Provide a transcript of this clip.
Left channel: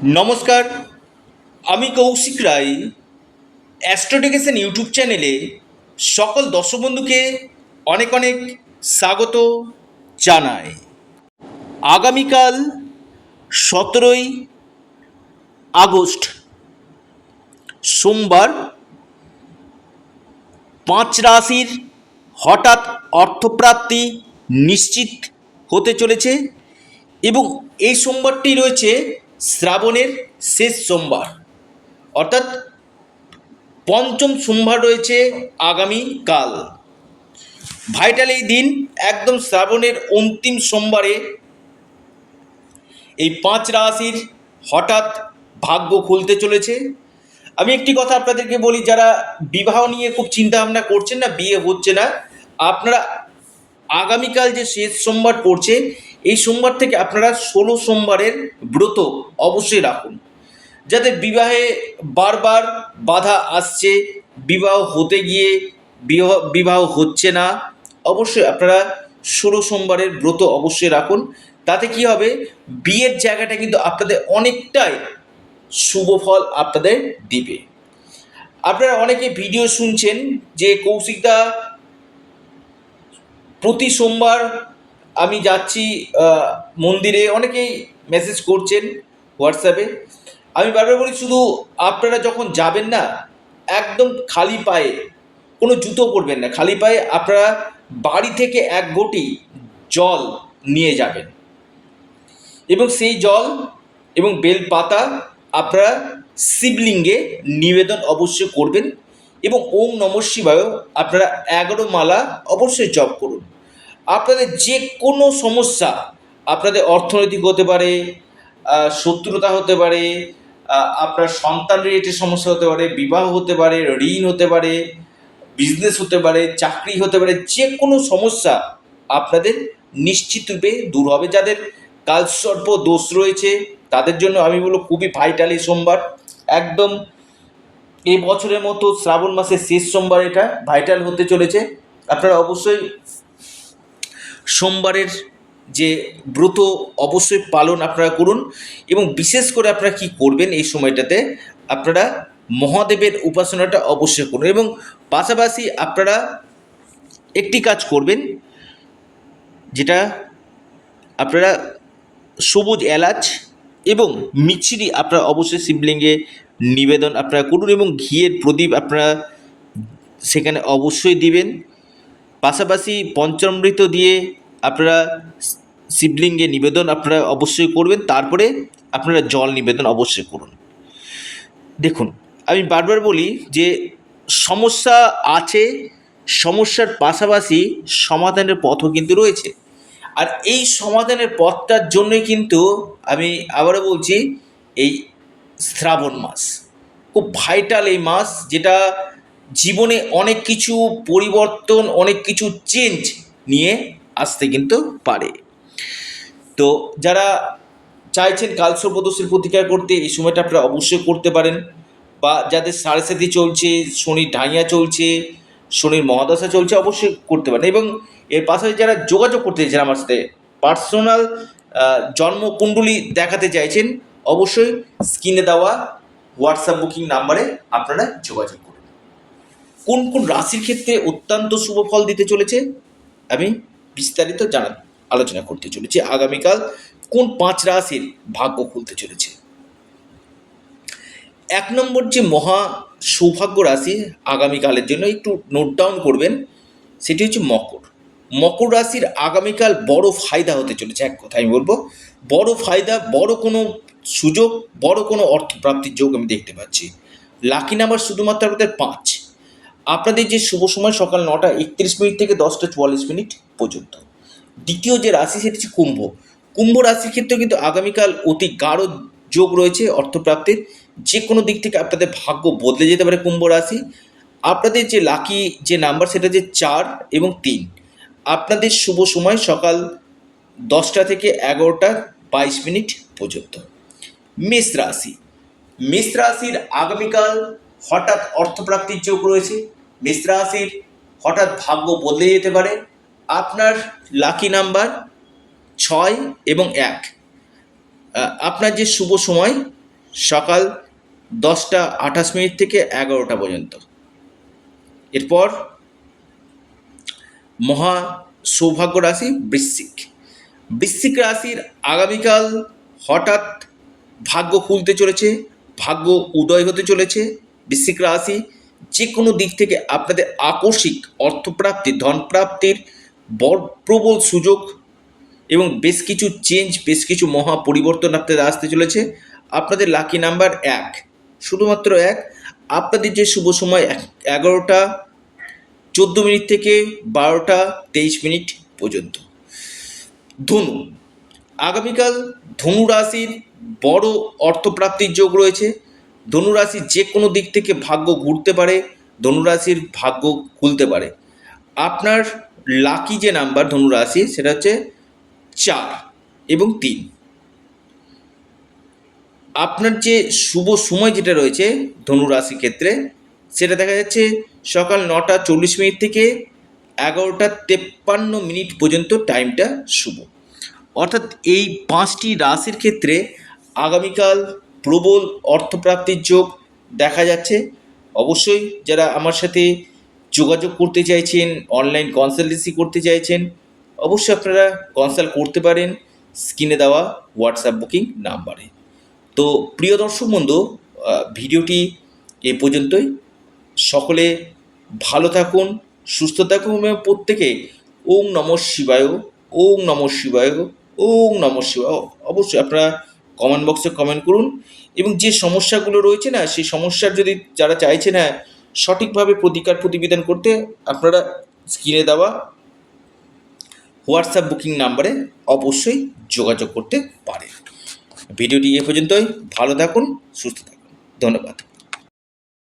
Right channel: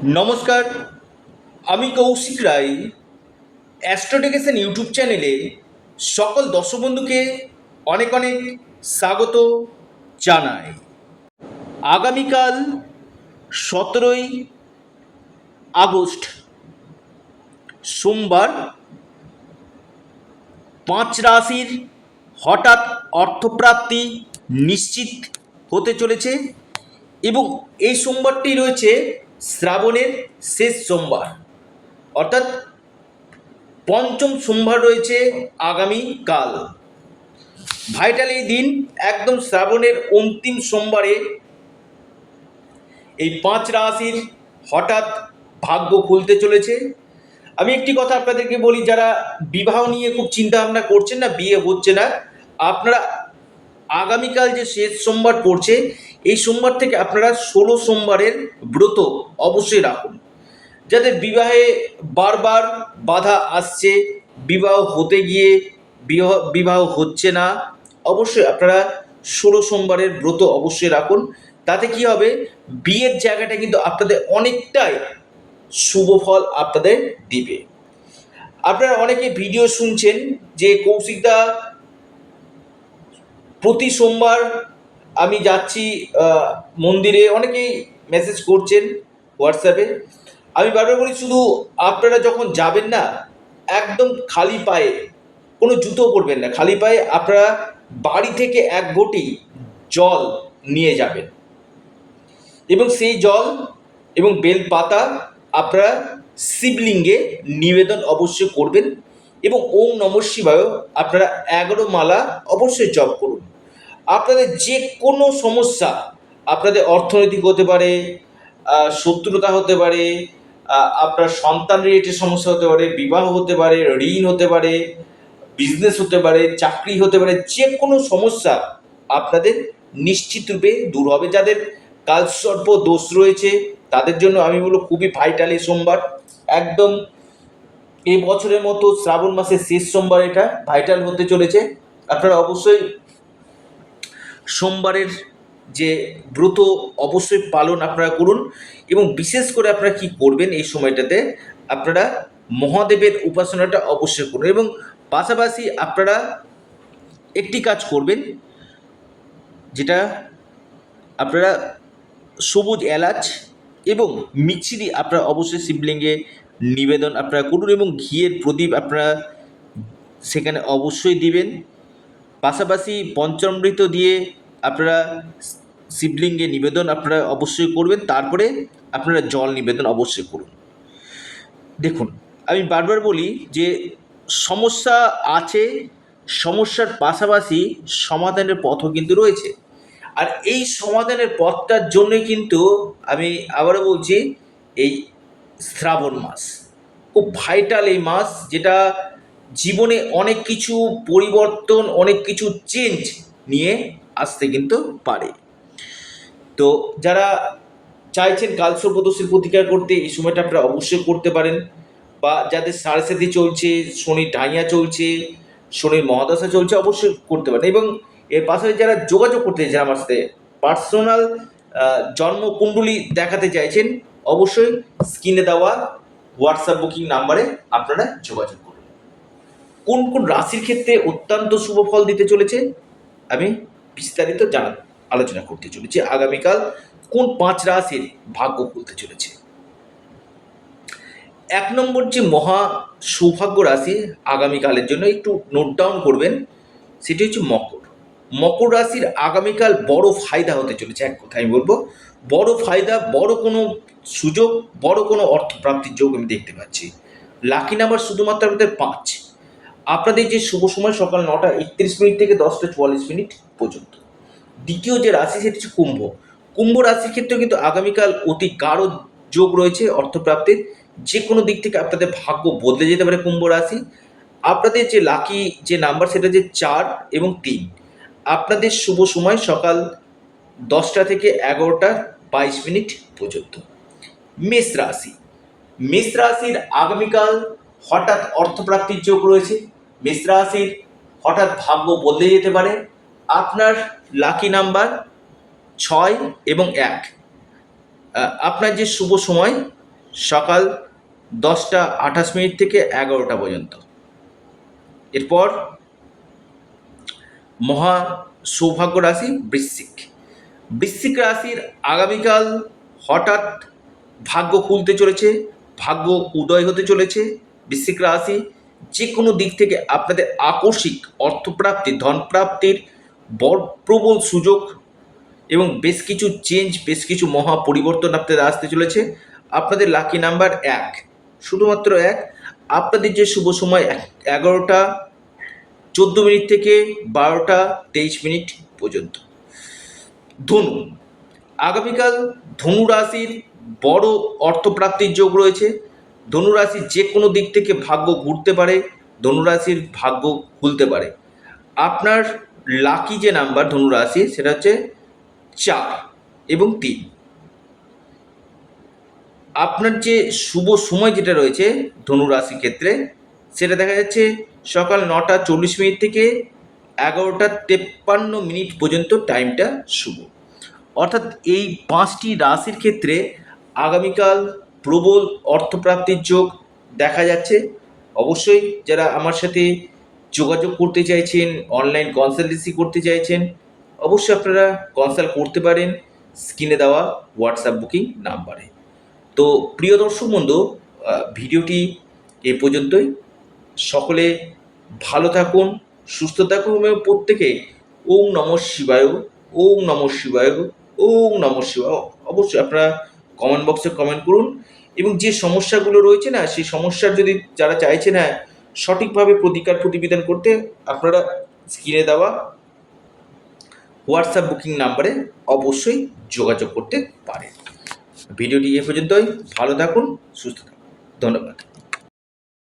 নমস্কার, আমি কৌশিক রায়। অ্যাস্ট্রোডিকেশন ইউটিউব চ্যানেলে সকল দর্শক বন্ধুকে অনেক অনেক স্বাগত জানাই। আগামীকাল 17ই আগস্ট সোমবার 5 রাশির হঠাৎ অর্থপ্রাপ্তি নিশ্চিত হতে চলেছে এবং এই সোমবারটি রয়েছে শ্রাবণের শেষ সোমবার, অর্থাৎ পঞ্চম সোমবার রয়েছে আগামীকাল। ভাইটাল এই দিন, একদম শ্রাবণের অন্তিম সোমবারে এই 5 রাশির হঠাৎ ভাগ্য খুলতে চলেছে। আমি একটি কথা আপনাদেরকে বলি, যারা বিবাহ নিয়ে খুব চিন্তা ভাবনা করছেন না, বিয়ে হচ্ছে না, আপনারা আগামীকাল যে শেষ সোমবার পড়ছে এই সোমবার থেকে আপনারা 16 সোমবারের ব্রত অবশ্যই রাখুন। যাদের বিবাহে বারবার বাধা আসছে, বিবাহ হতে গিয়ে বিবাহ হচ্ছে না, অবশ্যই আপনারা 16 সোমবারের ব্রত অবশ্যই রাখুন। তাতে কি হবে, বিয়ের জায়গাটা কিন্তু আপনাদের অনেকটাই শুভ ফল আপনাদের দিবে। আপনারা অনেকে ভিডিও শুনছেন যে কৌশিকদা প্রতি সোমবার আমি যাচ্ছি মন্দিরে, অনেকেই মেসেজ করছেন হোয়াটসঅ্যাপে। আমি বারবার বলি, শুধু আপনারা যখন যাবেন না, একদম খালি পায়ে, কোনো জুতো পরবেন না, খালি পায়ে আপনারা বাড়ি থেকে এক ঘটি জল নিয়ে যাবেন এবং সেই জল এবং বেলপাতা আপনারা শিবলিঙ্গে নিবেদন অবশ্যই করবেন এবং ওম নমঃ শিবায় আপনারা 11 মালা অবশ্যই জপ করুন। আপনাদের যে কোনো সমস্যা, আপনাদের অর্থনৈতিক হতে পারে, শত্রুতা হতে পারে, আপনার সন্তান রিলেটেড সমস্যা হতে পারে, বিবাহ হতে পারে, ঋণ হতে পারে, বিজনেস হতে পারে, চাকরি হতে পারে, যে কোনো সমস্যা আপনাদের নিশ্চিত রূপে দূর হবে। যাদের কালসর্প দোষ রয়েছে তাদের জন্য আমি বলবো খুবই ভাইটাল এই সোমবার, একদম এই বছরের মতো শ্রাবণ মাসের শেষ সোমবার এটা ভাইটাল হতে চলেছে। আপনারা অবশ্যই সোমবারের যে ব্রত অবশ্যই পালন আপনারা করুন এবং বিশেষ করে আপনারা কি করবেন এই সময়টাতে, আপনারা মহাদেবের উপাসনাটা অবশ্যই করুন এবং পাশাপাশি আপনারা একটি কাজ করবেন, যেটা আপনারা সবুজ এলাচ এবং মিছরি আপনারা অবশ্যই শিবলিঙ্গে নিবেদন আপনারা করুন এবং ঘিয়ের প্রদীপ আপনারা সেখানে অবশ্যই দিবেন। পাশাপাশি পঞ্চামৃত দিয়ে আপনারা শিবলিঙ্গে নিবেদন আপনারা অবশ্যই করবেন, তারপরে আপনারা জল নিবেদন অবশ্যই করুন। দেখুন, আমি বারবার বলি যে সমস্যা আছে, সমস্যার পাশাপাশি সমাধানের পথও কিন্তু রয়েছে। আর এই সমাধানের পথটার জন্যই কিন্তু আমি আবারও বলছি, এই শ্রাবণ মাস খুব ভাইটাল এই মাস, যেটা জীবনে অনেক কিছু পরিবর্তন, অনেক কিছু চেঞ্জ নিয়ে আসতে কিন্তু পারে। তো যারা চাইছেন কালসর্পদোষের প্রতিকার করতে, এই সময়টা আপনারা অবশ্যই করতে পারেন। বা যাদের সাড়ে সাথী চলছে, শনির ঢাইয়া চলছে, শনির মহাদশা চলছে, অবশ্যই করতে পারেন। এবং এর পাশাপাশি যারা যোগাযোগ করতে চাইছেন আমার সাথে, পার্সোনাল জন্মকুণ্ডলী দেখাতে চাইছেন, অবশ্যই স্ক্রিনে দেওয়া হোয়াটসঅ্যাপ বুকিং নাম্বারে আপনারা যোগাযোগ করুন। কোন কোন রাশির ক্ষেত্রে অত্যন্ত শুভ ফল দিতে চলেছে আমি বিস্তারিত আলোচনা করতে চলেছি। আগামীকাল কোন 5 রাশির ভাগ্য খুলতে চলেছে। 1 নম্বর যে মহা সৌভাগ্য রাশি আগামীকালের জন্য একটু নোট ডাউন করবেন, সেটি হচ্ছে মকর। মকর রাশির আগামীকাল বড় ফায়দা হতে চলেছে। এক কথা আমি বলবো, বড় ফায়দা, বড় কোনো সুযোগ, বড় কোনো অর্থপ্রাপ্তির যোগ আমি দেখতে পাচ্ছি। লাকি নাম্বার শুধুমাত্র আপনাদের 5। আপনাদের যে শুভ সময় সকাল 9:31 থেকে 10:44 পর্যন্ত। দ্বিতীয় যে রাশি সেটি হচ্ছে কুম্ভ। কুম্ভ রাশির ক্ষেত্রে কিন্তু আগামীকাল অতি গাঢ় যোগ রয়েছে অর্থপ্রাপ্তির। যে কোনো দিক থেকে আপনাদের ভাগ্য বদলে যেতে পারে কুম্ভ রাশি। আপনাদের যে লাকি যে নাম্বার সেটা যে 4 এবং 3। আপনাদের শুভ সময় সকাল 10টা থেকে 11:22 পর্যন্ত। মেষ রাশি। মেষ রাশির আগামীকাল হঠাৎ অর্থপ্রাপ্তির যোগ রয়েছে। মেষ রাশির হঠাৎ ভাগ্য বদলে যেতে পারে। আপনার লাকি নাম্বার 6 এবং 1। আপনার যে শুভ সময় সকাল 10:28 থেকে 11টা পর্যন্ত। এরপর মহা সৌভাগ্য রাশি বৃশ্চিক। বৃশ্চিক রাশির আগামীকাল হঠাৎ ভাগ্য খুলতে চলেছে, ভাগ্য উদয় হতে চলেছে। বৃশ্চিক রাশি যে কোনো দিক থেকে আপনাদের আকস্মিক অর্থপ্রাপ্তি, ধনপ্রাপ্তির প্রবল সুযোগ এবং বেশ কিছু চেঞ্জ, বেশ কিছু মহা পরিবর্তন আপনাদের আসতে চলেছে। আপনাদের লাকি নাম্বার 1, শুধুমাত্র 1। আপনাদের যে শুভ সময় 11:14 থেকে 12:23 পর্যন্ত। ধনু, আগামীকাল ধনু রাশির বড় অর্থপ্রাপ্তির যোগ রয়েছে। ধনু রাশির যে কোনো দিক থেকে ভাগ্য ঘুরতে পারে, ধনু রাশির ভাগ্য খুলতে পারে। আপনার লাকি যে নাম্বার ধনু রাশি সেটা হচ্ছে 4 এবং 3। আপনার যে শুভ সময় যেটা রয়েছে ধনু রাশির ক্ষেত্রে সেটা দেখা যাচ্ছে সকাল 9:40 থেকে 11:53 পর্যন্ত টাইমটা শুভ। অর্থাৎ এই 5টি রাশির ক্ষেত্রে আগামীকাল প্রবল অর্থপ্রাপ্তির যোগ দেখা যাচ্ছে। অবশ্যই যারা আমার সাথে যোগাযোগ করতে চাইছেন, অনলাইন কনসালটেন্সি করতে চাইছেন, অবশ্যই আপনারা কনসাল্ট করতে পারেন স্ক্রিনে দেওয়া হোয়াটসঅ্যাপ বুকিং নাম্বারে। তো প্রিয় দর্শক বন্ধু, ভিডিওটি এ পর্যন্তই। সকলে ভালো থাকুন, সুস্থ থাকুন এবং প্রত্যেকে ওম নমঃ শিবায়, ওম নমঃ শিবায়, ওম নমঃ শিবায়। অবশ্যই আপনারা কমেন্ট বক্সে কমেন্ট করুন এবং যে সমস্যাগুলো রয়েছে না, সেই সমস্যার যদি যারা চাইছে না সঠিকভাবে প্রতিবিধান করতে, আপনারা স্ক্রিনে দেওয়া হোয়াটসঅ্যাপ বুকিং নাম্বারে অবশ্যই যোগাযোগ করতে পারেন। ভিডিওটি এ পর্যন্তই। ভালো থাকুন, সুস্থ থাকুন। ধন্যবাদ।